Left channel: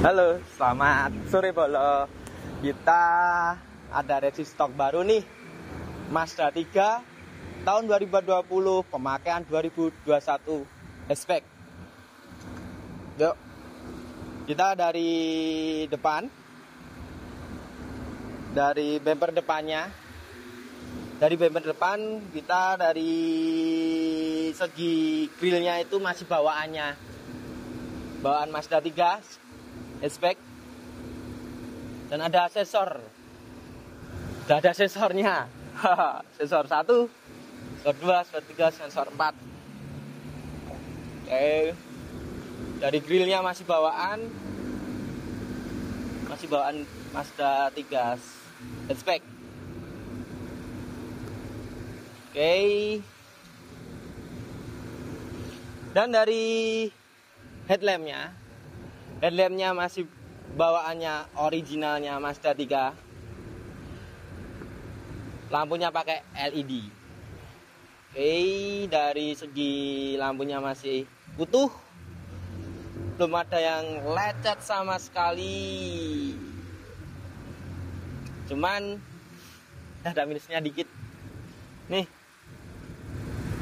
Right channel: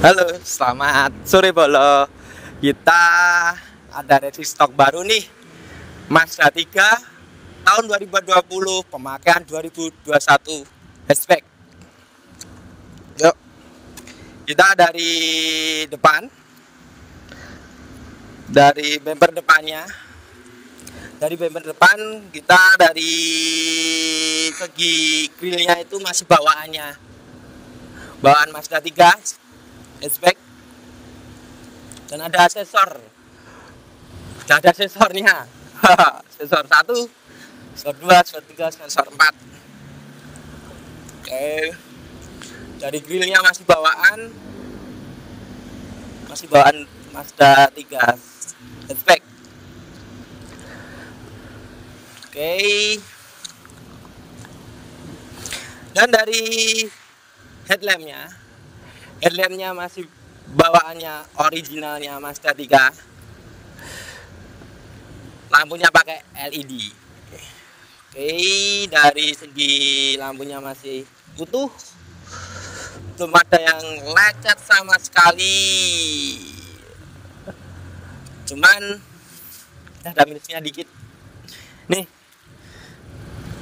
Halo, selamat sore Bolo. Kita ada stok baru nih, Mazda 3 tahun 2020, pemakaian 2021 hatchback. Yuk, kita dari depan, dari bumper depannya. Dari bumper depan kita dari segi grillnya itu masih bawaan Mazda 3 hatchback, dan ada asesor. Sudah ada sensornya. Sensor 1, sensor 2, sensor 3, sensor 4. Oke. Dari grillnya masih bawaan Mazda 3 hatchback. Oke. Dan dari headlampnya masih bawaannya originalnya Mazda 3. Lampunya pakai LED. Oke, dari segi lampunya masih utuh, belum ada yang lecet sama sekali. Cuman ada minusnya dikit nih,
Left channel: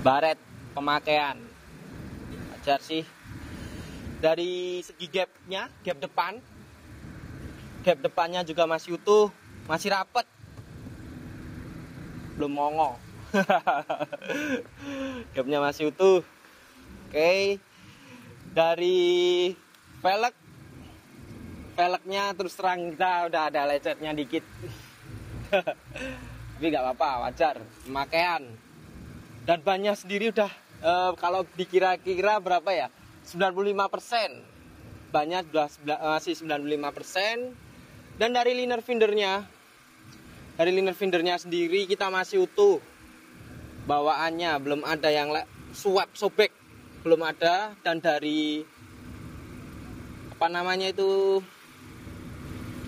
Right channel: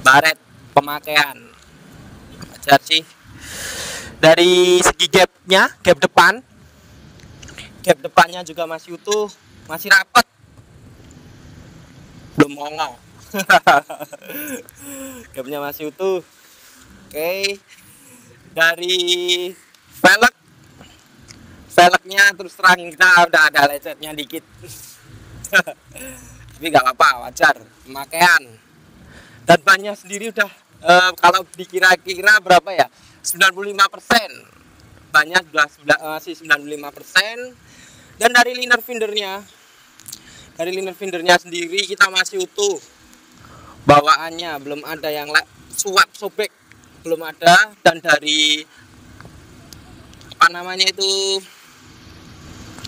baret pemakaian wajar sih. Dari segi gap depannya juga masih utuh, masih rapat, belum mongol. Gapnya masih utuh. Oke. Dari velgnya terus terang kita udah ada lecetnya dikit. Tapi nggak apa-apa, wajar pemakaian. Dan bannya sendiri udah kalau dikira-kira berapa ya, 95%. Bannya masih 95%. Dan dari liner findernya sendiri kita masih utuh, bawaannya belum ada yang suap sobek, belum ada. Dan dari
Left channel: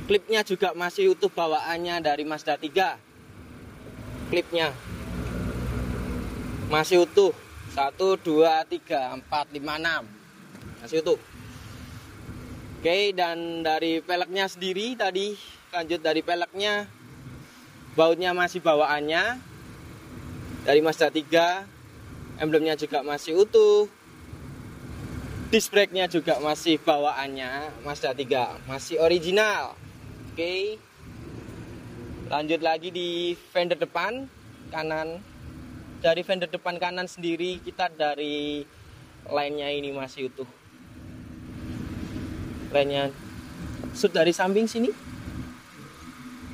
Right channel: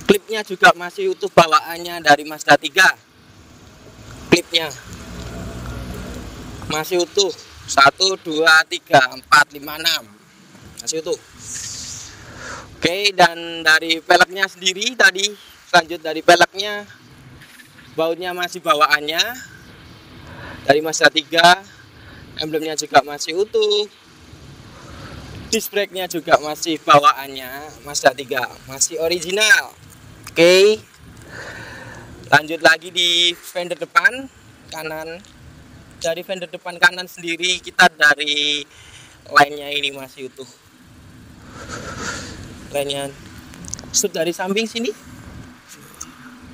klipnya juga masih utuh, bawaannya dari Mazda 3. Klipnya masih utuh, 1, 2, 3, 4, 5, 6 masih utuh. Oke, dan dari peleknya sendiri tadi, lanjut dari peleknya, bautnya masih bawaannya dari Mazda 3, emblemnya juga masih utuh, disc brake-nya juga masih bawaannya Mazda 3, masih original. Oke, lanjut lagi di fender depan kanan. Dari fender depan kanan sendiri kita dari line-nya ini masih utuh. Line-nya dari samping sini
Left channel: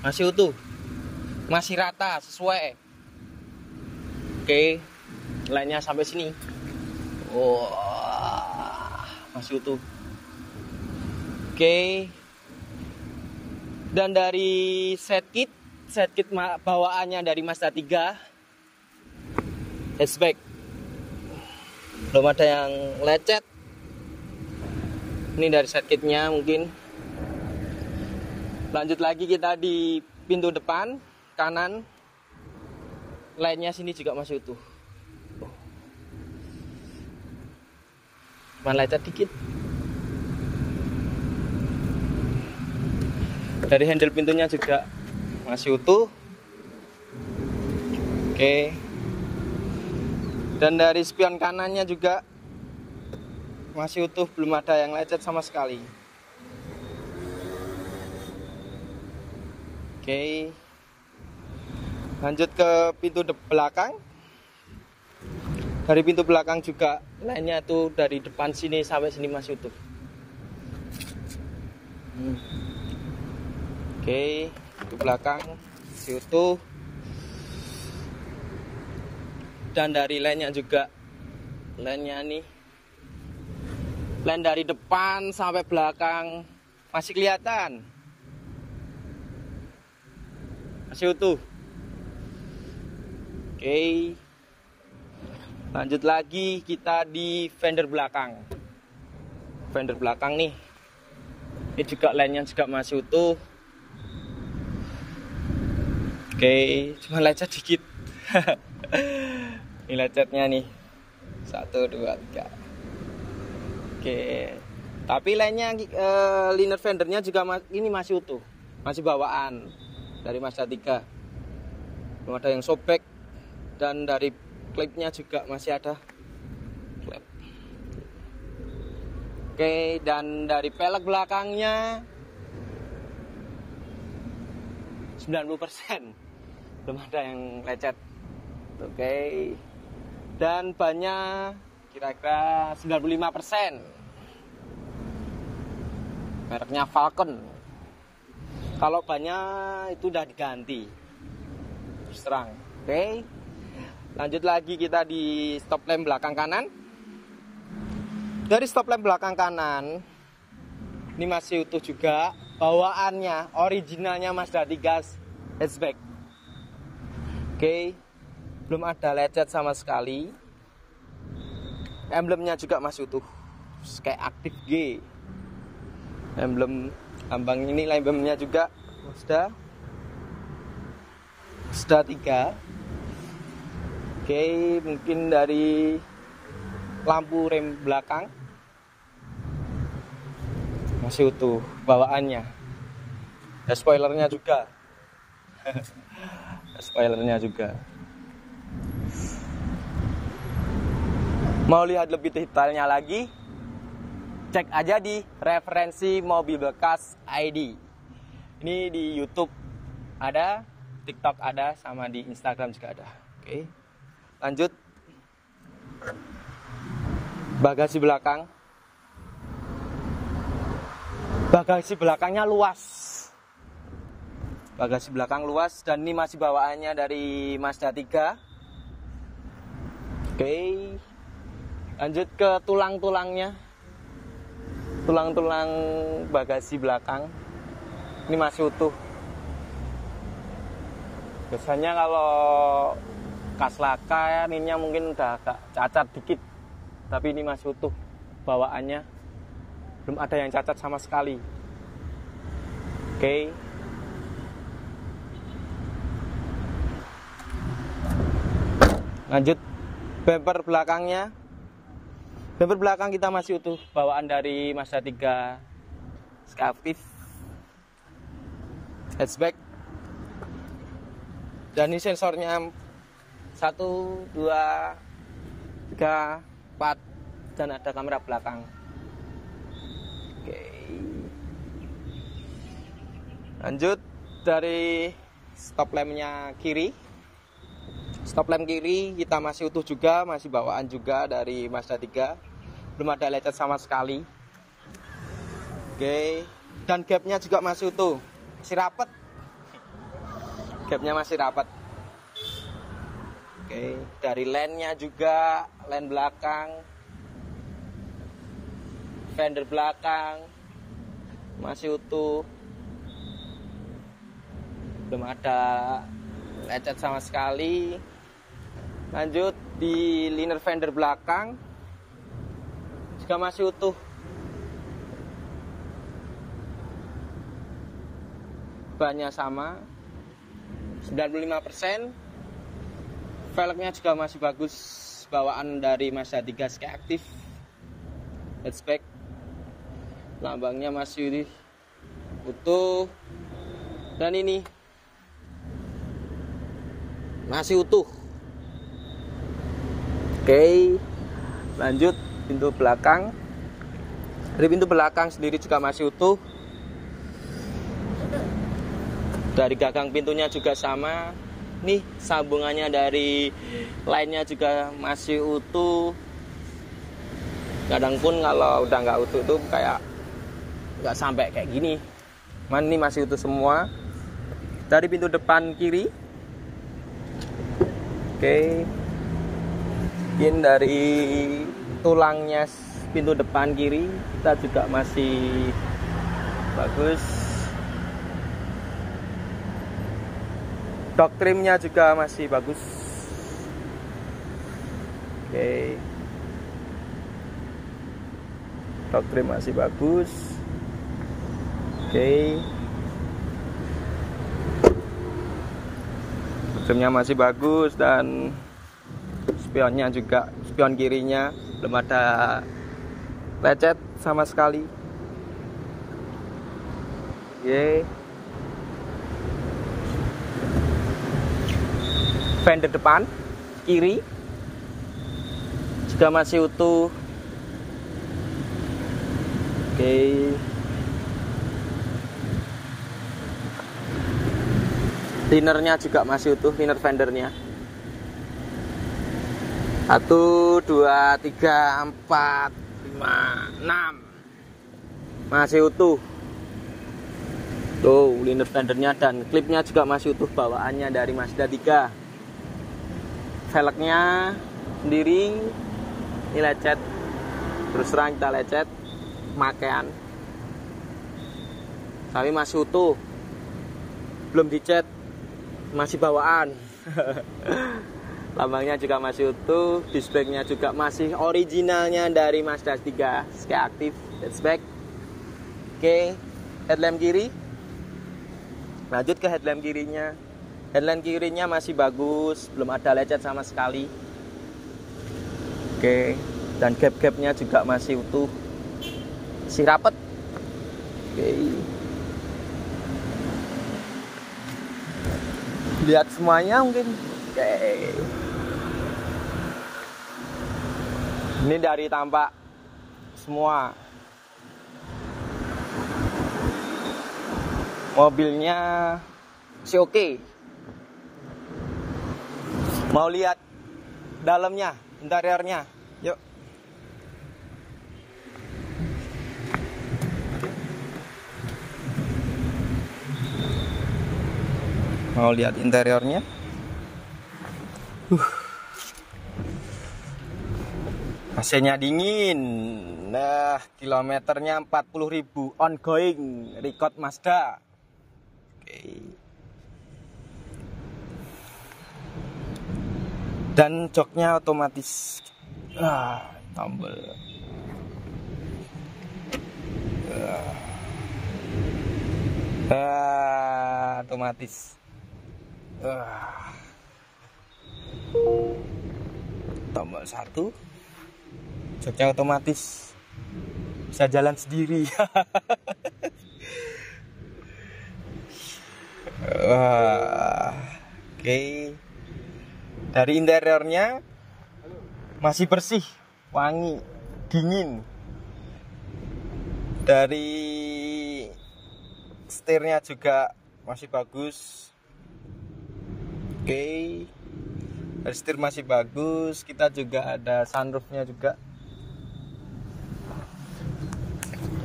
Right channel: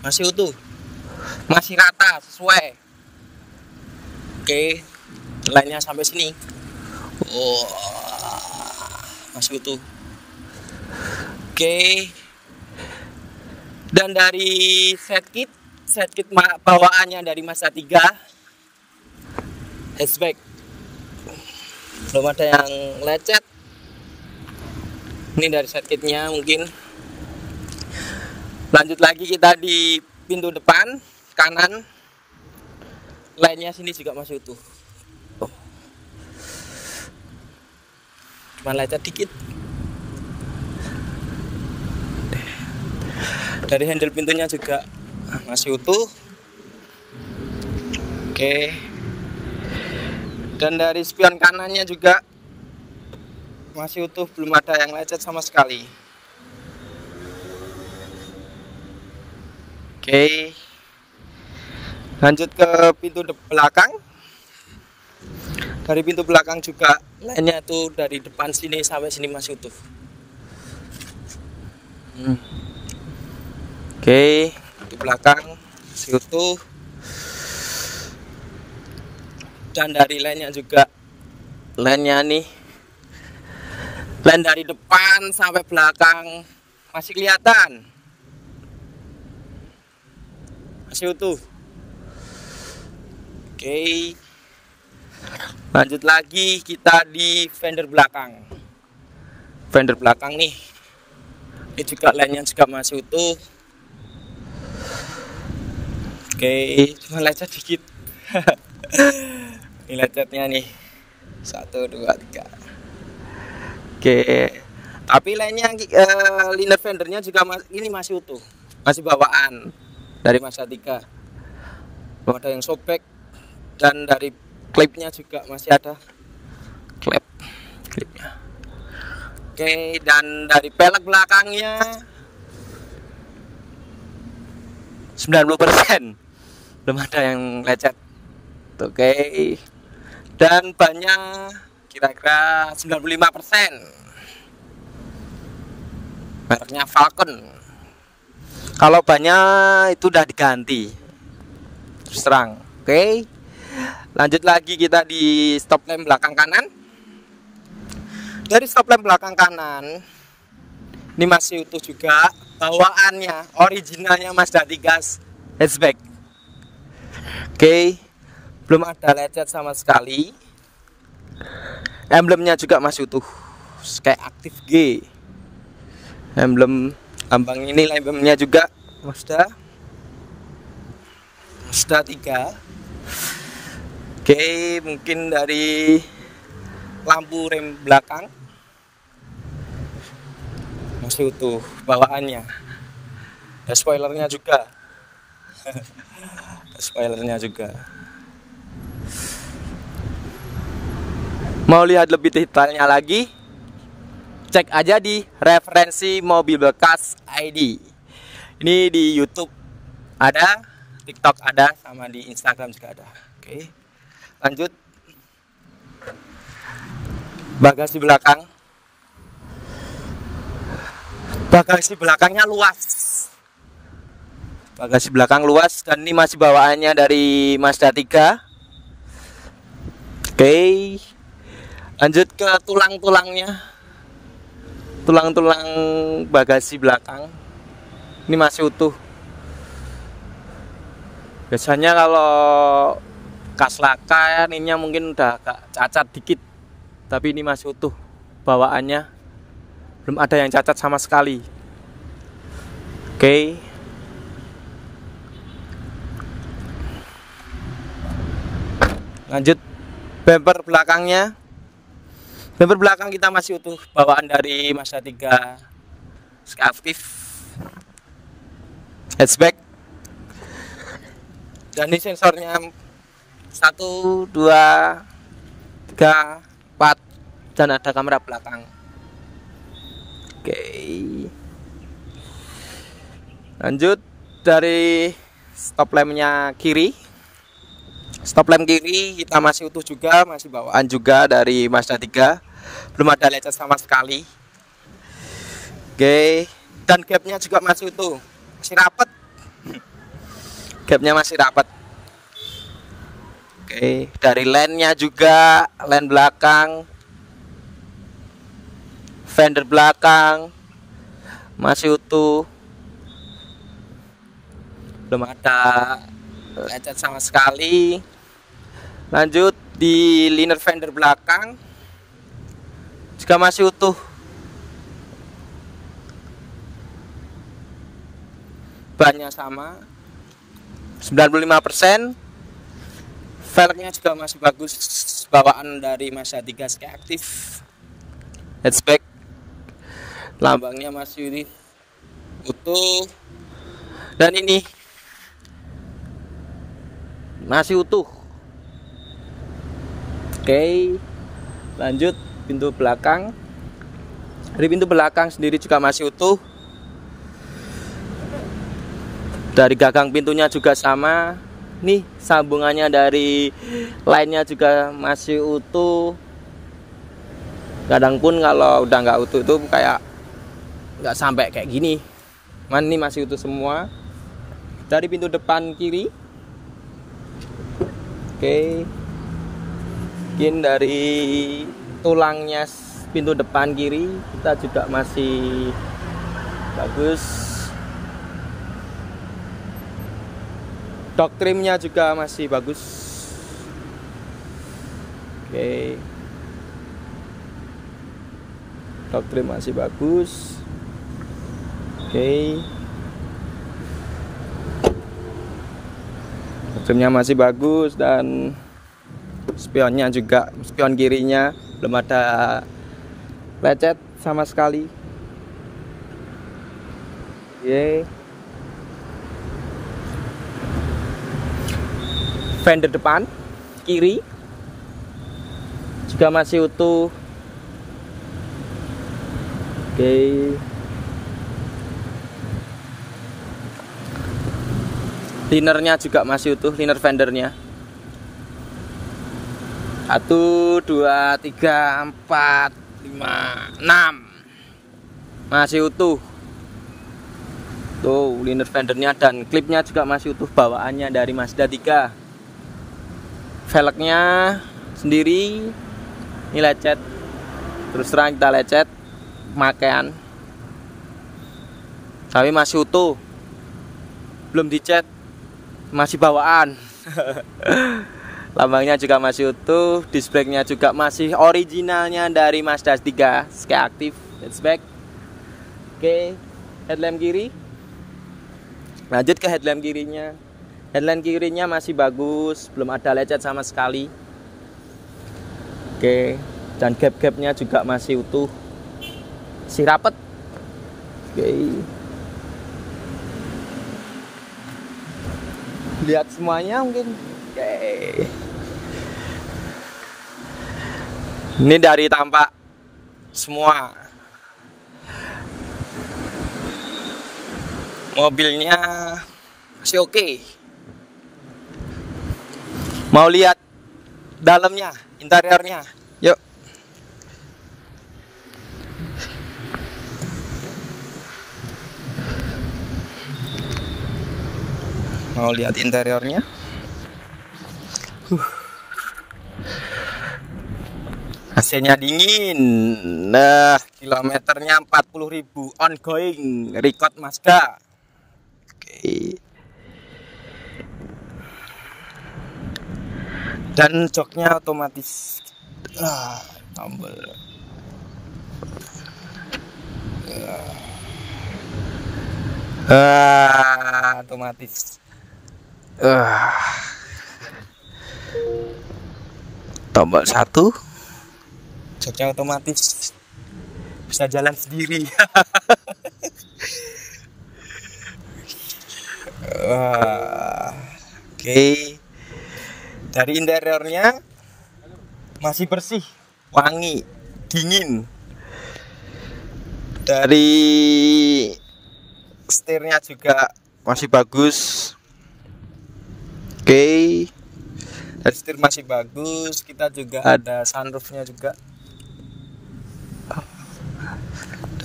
masih utuh, masih rata sesuai. Oke, line-nya sampai sini. Oh, masih utuh. Oke. Dan dari set kit bawaannya dari Mazda 3 hatchback, belum ada yang lecet. Ini dari set kitnya mungkin. Lanjut lagi kita di pintu depan kanan, lainnya sini juga masih utuh. Cuma lecet dikit. Dari handle pintunya juga masih utuh. Oke. Dan dari spion kanannya juga masih utuh, belum ada yang lecet sama sekali. Oke. Lanjut ke pintu belakang. Dari pintu belakang juga lainnya tuh dari depan sini sampai sini masih utuh. Oke, pintu belakang masih utuh. Dan dari lainnya juga, lainnya nih, lain dari depan sampai belakang masih kelihatan, masih utuh. Oke, lanjut lagi kita di fender belakang nih, ini juga lainnya juga masih utuh. Oke, cuma lecet dikit. Ini lecetnya nih, 1, 2, 3. Oke, Tapi lainnya liner fendernya juga ini masih utuh, masih bawaan dari Mazda 3. Belum ada yang sobek, dan dari klipnya juga masih ada klipnya. Oke, dan dari pelek belakangnya 90%, belum ada yang lecet. Oke, dan bannya kira-kira 95%. Mereknya Falcon. Kalau banyak itu udah diganti, terus terang. Oke, lanjut lagi kita di stop lamp belakang kanan. Dari stop lamp belakang kanan ini masih utuh juga, bawaannya originalnya Mazda 3 hatchback. Oke, belum ada lecet sama sekali. Emblemnya juga masih utuh, kayak aktif G. Emblem lambang ini, emblemnya juga Mazda 3. Oke, mungkin dari lampu rem belakang masih utuh bawaannya. Ya, spoilernya juga. Spoilernya juga. Mau lihat lebih detailnya lagi, cek aja di referensi mobil bekas ID. Ini di YouTube ada, TikTok ada, sama di Instagram juga ada. Oke, lanjut. Bagasi belakang. Bagasi belakangnya luas. Bagasi belakang luas, dan ini masih bawaannya dari Mazda 3. Oke, lanjut ke tulang-tulangnya. Tulang-tulang bagasi belakang ini masih utuh. Biasanya kalau kas laka kan ininya mungkin udah agak cacat dikit, tapi ini masih utuh bawaannya, belum ada yang cacat sama sekali. Oke, lanjut bumper belakangnya. Bumper belakang kita masih utuh, bawaan dari Mazda 3 Skyactiv hatchback. Dan ini sensornya 1, 2, 3, 4, dan ada kamera belakang. Oke, lanjut dari stop lampnya kiri. Stop lamp kiri kita masih utuh juga, masih bawaan juga dari Mazda 3, belum ada lecet sama sekali. Oke, dan gapnya juga masih utuh, masih rapat. Gapnya masih rapat. Oke, dari lemnya juga, lem belakang, fender belakang masih utuh, belum ada lecet sama sekali. Lanjut di liner fender belakang juga masih utuh, bannya sama 95%. Velgnya juga masih bagus, bawaan dari Mazda 3 Skyactiv hatchback. Lambangnya masih utuh, dan ini masih utuh. Oke, lanjut pintu belakang. Dari pintu belakang sendiri juga masih utuh. Dari gagang pintunya juga sama. Nih sambungannya dari lainnya juga masih utuh. Kadang pun kalau udah nggak utuh itu kayak nggak sampai kayak gini. Man, ini masih utuh semua. Dari pintu depan kiri. Oke, mungkin dari tulangnya pintu depan kiri kita juga masih bagus. Dog trimnya juga masih bagus. Oke, dog trim masih bagus. Oke, trimnya masih bagus, dan spionnya juga, spion kirinya belum ada lecet sama sekali. Oke. Fender depan kiri juga masih utuh. Oke. Linernya juga masih utuh, liner fendernya. 1, 2, 3, 4, 5, 6 masih utuh. Tuh liner fendernya dan klipnya juga masih utuh, bawaannya dari Mazda 3. Velgnya sendiri ini lecet, terus terang kita lecet pemakaian, tapi masih utuh, belum dicat, masih bawaan. Lambangnya juga masih utuh, disc brake-nya juga masih originalnya dari Mazda 3, Sky Active, that's back. Oke, headlamp kiri. Lanjut ke headlamp kirinya. Headlamp kirinya masih bagus, belum ada lecet sama sekali. Oke, dan gap-gapnya juga masih utuh, masih rapet. Oke. Lihat semuanya mungkin. Oke. Ini dari tampak semua. Mobilnya masih oke. Mau lihat dalamnya, interiornya? Yuk. Mau lihat interiornya? AC-nya dingin. Nah, kilometernya 40.000 ongoing, record Mazda. Oke. Dan joknya otomatis. Tombol. Otomatis. Tombol 1. Joknya otomatis, bisa jalan sendiri. Oke. Dari interiornya masih bersih, wangi, dingin. Dari setirnya juga masih bagus. Oke. Dari setir masih bagus. Kita juga ada sunroofnya juga.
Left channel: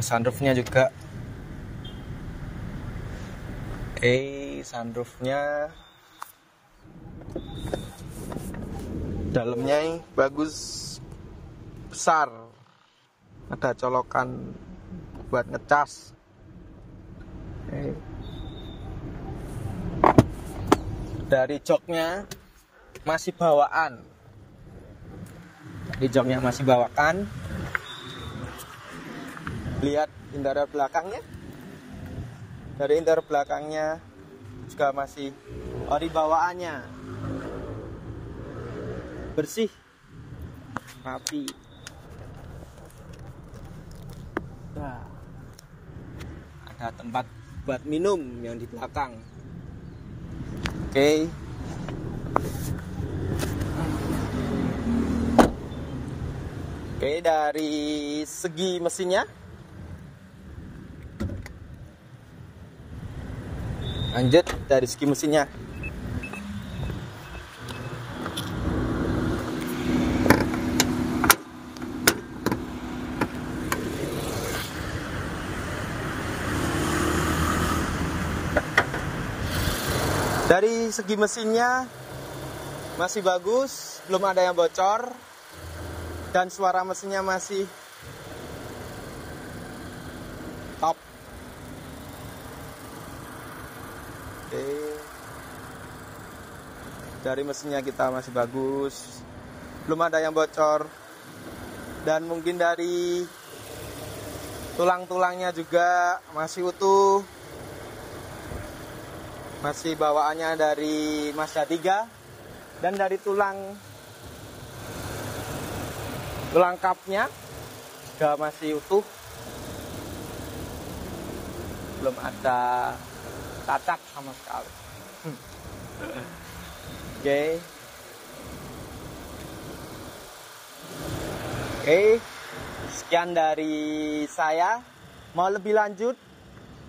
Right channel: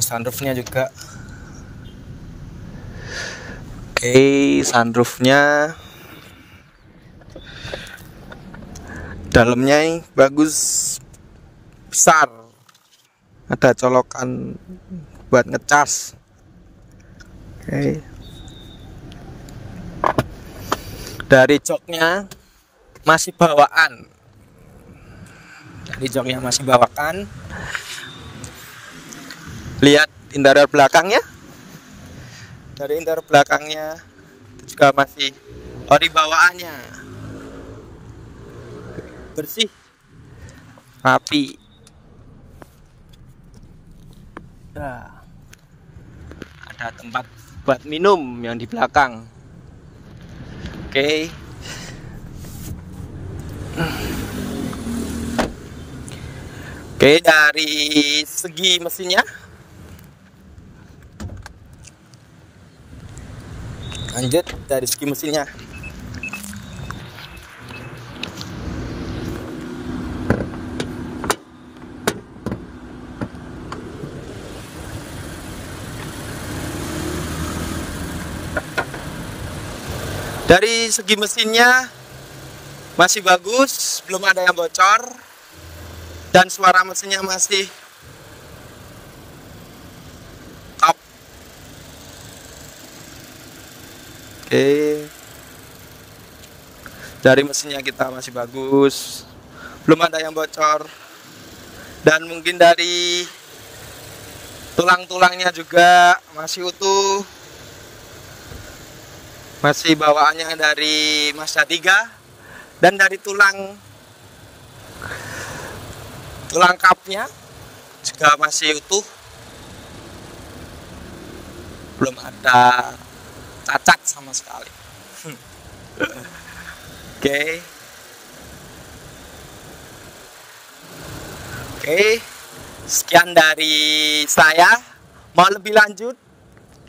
Sunroofnya juga. Oke, sunroofnya dalamnya ini bagus, besar, ada colokan buat ngecas. Oke. Dari joknya masih bawaan. Dari joknya masih bawaan. Lihat interior belakangnya. Dari interior belakangnya juga masih ori bawaannya. Bersih, rapi. Nah, ada tempat buat minum yang di belakang. Oke. Oke, dari segi mesinnya. Lanjut dari segi mesinnya. Dari segi mesinnya masih bagus, belum ada yang bocor, dan suara mesinnya masih top. Oke. Dari mesinnya kita masih bagus, belum ada yang bocor, dan mungkin dari tulang-tulangnya juga masih utuh, masih bawaannya dari Mazda 3, dan dari tulang kapnya juga masih utuh, belum ada cacat sama sekali. Oke. Oke, sekian dari saya. Mau lebih lanjut,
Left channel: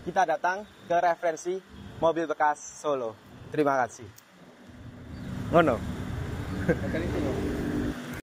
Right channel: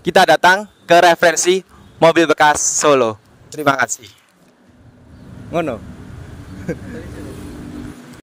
kita datang ke referensi mobil bekas Solo. Terima kasih. Ngono.